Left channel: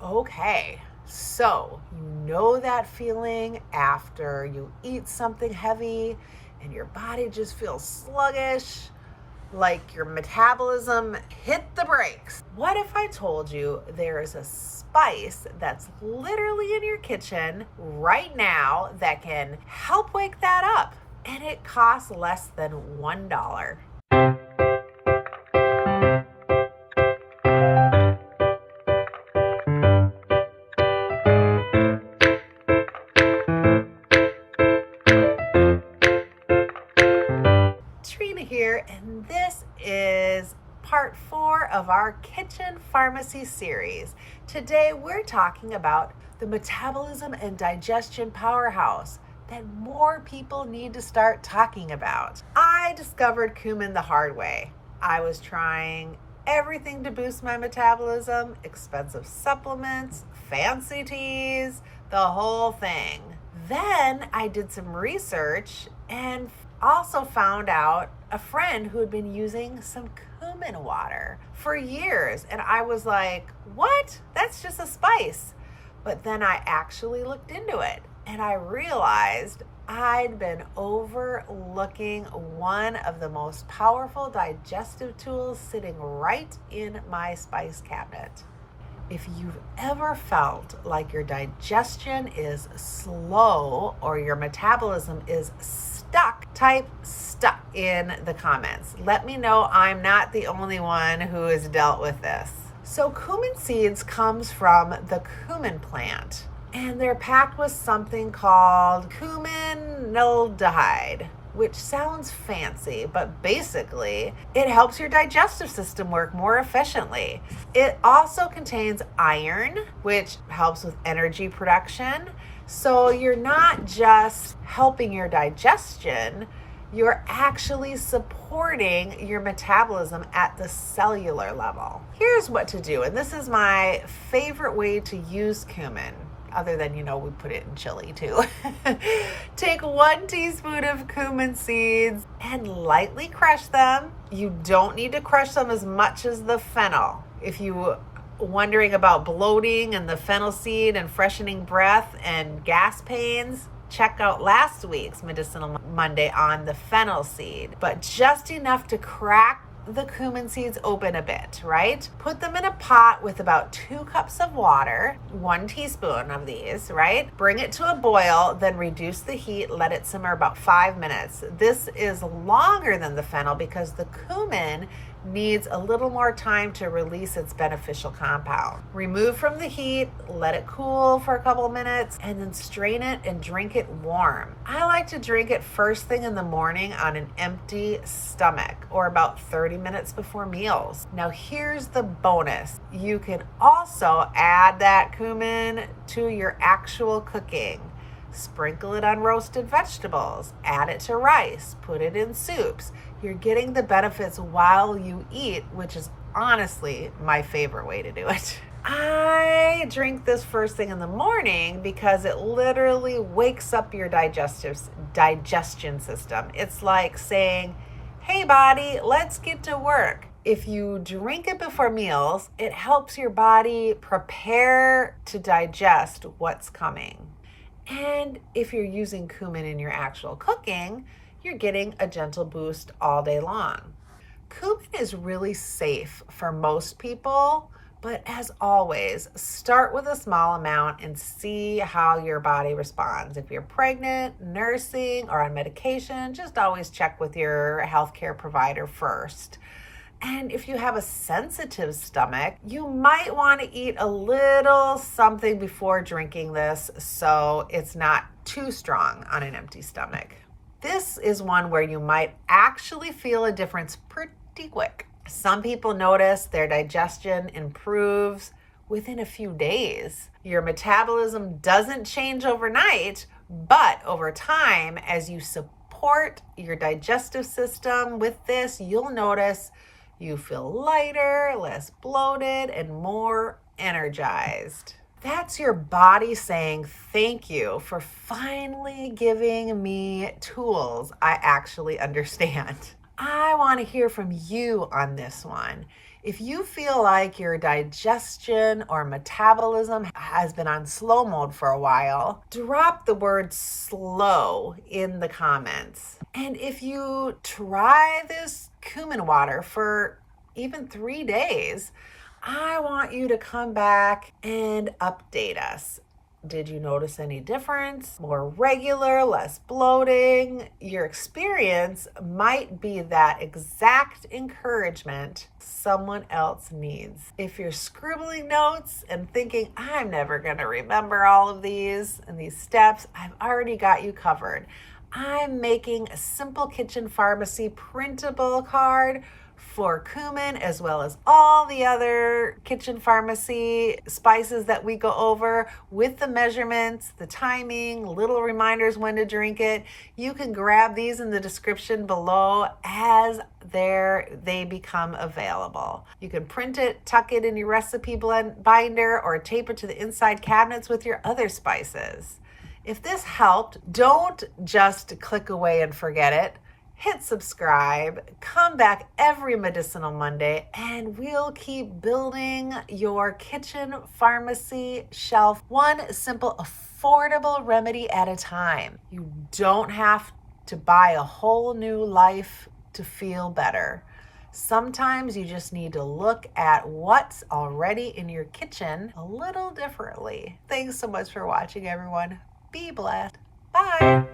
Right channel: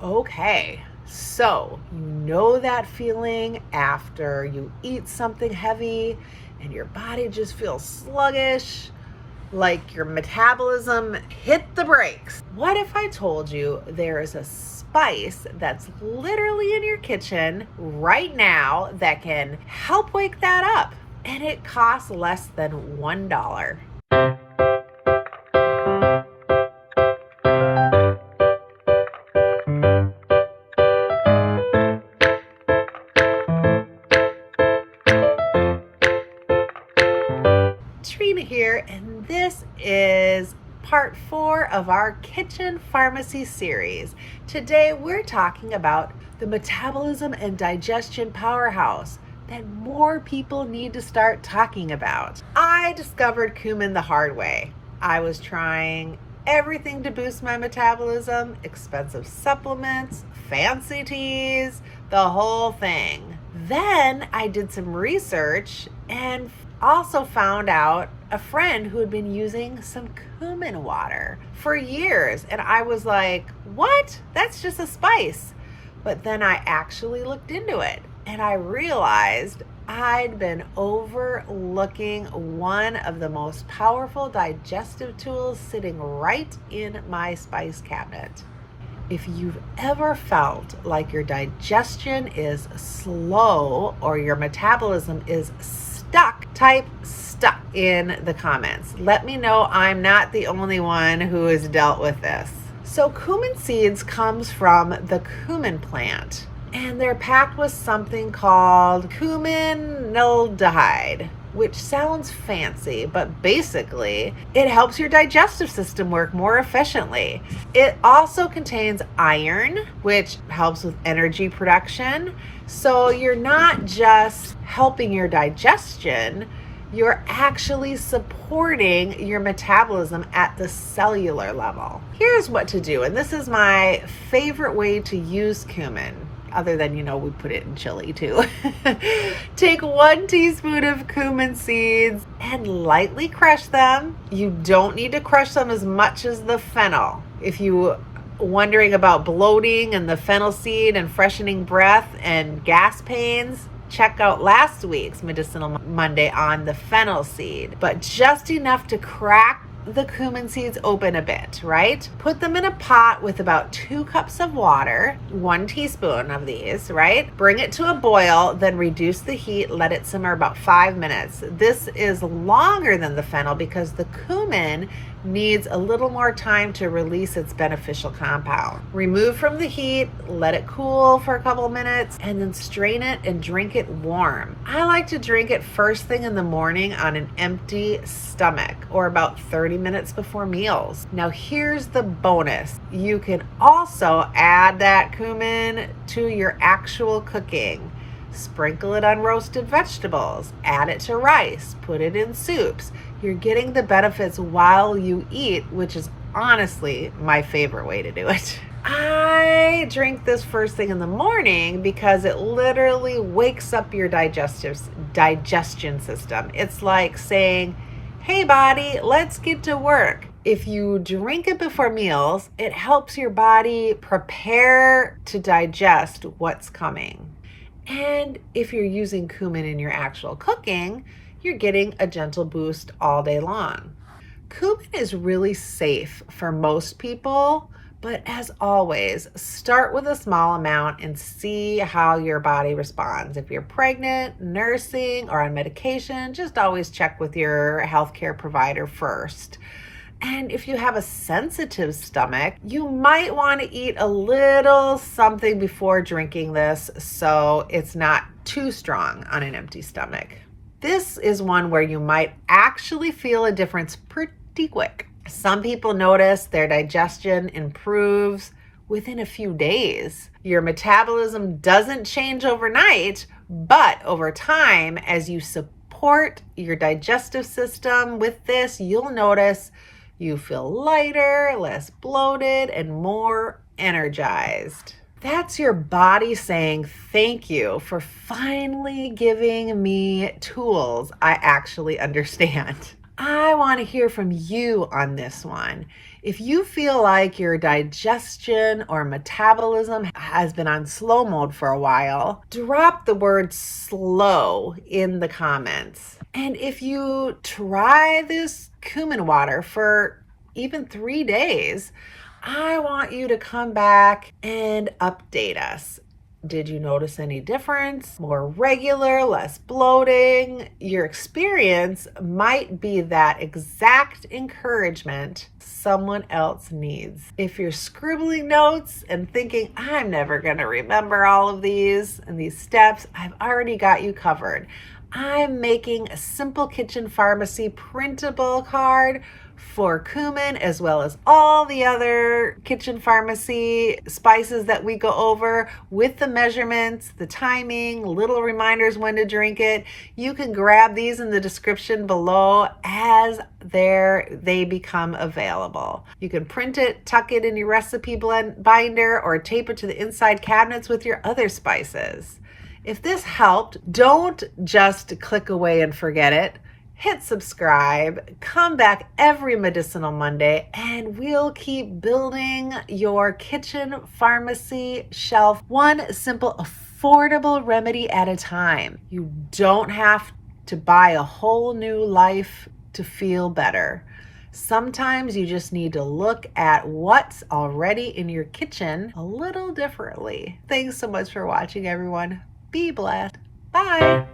Okay, so you know that feeling after you eat something heavy and your body just feels sluggish, like your metabolism hit the brakes. What if I told you there is a spice that's literally in your kitchen right now that can help wake that up? And it costs less than $1. Trina here, and this is part 4 of our kitchen pharmacy series. Today we're talking about the metabolism and digestion powerhouse that more people need to start talking about. I discovered cumin the hard way. I was trying everything to boost my metabolism, expensive supplements, fancy teas, the whole thing. Then I did some research and also found out a friend who had been using some cumin water for years. And I was like, what? That's just a spice. But then I actually looked into it and I realized I'd been overlooking one of the most powerful digestive tools sitting right in my spice cabinet. If you've ever felt like your digestion is slow or your metabolism is stuck, type stuck in the comments. Let me know I'm not the only one who has dealt with this. So cumin seeds comes from the cumin plant, and they're packed with something called cuminaldehyde, which sounds fancy, but basically it helps your digestive system work more efficiently. It also contains iron, which helps with energy production. So you're not just helping your digestion, you're actually supporting your metabolism at the cellular level. Here's what to do, and this is my favorite way to use cumin. Other than, we put it in chili too. Take 1 teaspoon of cumin seeds and lightly crush them. You don't need to crush them as much as the fennel. If you wondering about bloating and the fennel seed and freshening breath and gas pains, check out last week's Medicinal Monday on the fennel seed. But just enough to crack the cumin seeds open a bit, right? Put them in a pot with about 2 cups of water, 1 teaspoon of these, right? Bring it to a boil, then reduce the heat, let it simmer about 5 minutes. This is longer than the fennel because the cumin needs a little more time to release its beneficial compound. Remove from the heat, let it cool for a couple minutes, and then strain it and drink it warm. I like to drink it first thing in the morning on an empty stomach or about 30 minutes before meals. Now here's the bonus. You can also add that cumin to your actual cooking. Sprinkle it on roasted vegetables, add it to rice, put it in soups. You're getting the benefits while you eat, which is honestly my favorite way to do it. I drink this first thing in the morning because it literally wakes up your digestion system. It's like saying, hey body, let's get to work. If you drink it before meals, it helps your body prepare to digest what's coming. And if you're using cumin in your actual cooking, you're getting a gentle boost all day long. Cumin is really safe for most people, but as always, start with a small amount and see how your body responds. If you're pregnant, nursing, or on medication, just always check with your healthcare provider first. And if you have a sensitive stomach, you might want to eat a little something before drinking this so it's not too strong on an empty stomach. This is one where you might actually feel a difference pretty quick. Some people notice their digestion improves within a few days. Your metabolism doesn't change overnight, but over time, as you support your digestive system with this, you'll notice you feel lighter, less bloated, and more energized. That's your body saying thank you for finally giving me tools I actually understand. I want to hear from you on this one. If you feel like your digestion or metabolism has been on slow mode for a while, drop the word slow in the comments. And if you try this cumin water for even 3 days, I want you to come back and update us. Did you notice any difference? More regular, less bloating? Your experience might be that exact encouragement someone else needs. If you're scribbling notes and thinking, I'm never going to remember all of these and these steps, I've already got you covered. I'm making a simple kitchen pharmacy printable card for cumin, as well as all the other kitchen pharmacy spices that we go over with the measurements, the timing, little reminders when to drink it. You can grab these in the description below as they become available. You can print it, tuck it in your recipe binder, or tape it to the inside cabinets with your other spices. If this helped, don't just click away and forget it. Hit subscribe, come back every Medicinal Monday, and we'll keep building your kitchen pharmacy shelf one simple, affordable remedy at a time. You don't have to buy a whole new life to feel better. Sometimes you just need to look at what's already in your kitchen a little differently. Thanks so much for watching, everyone. Be blessed. Bye.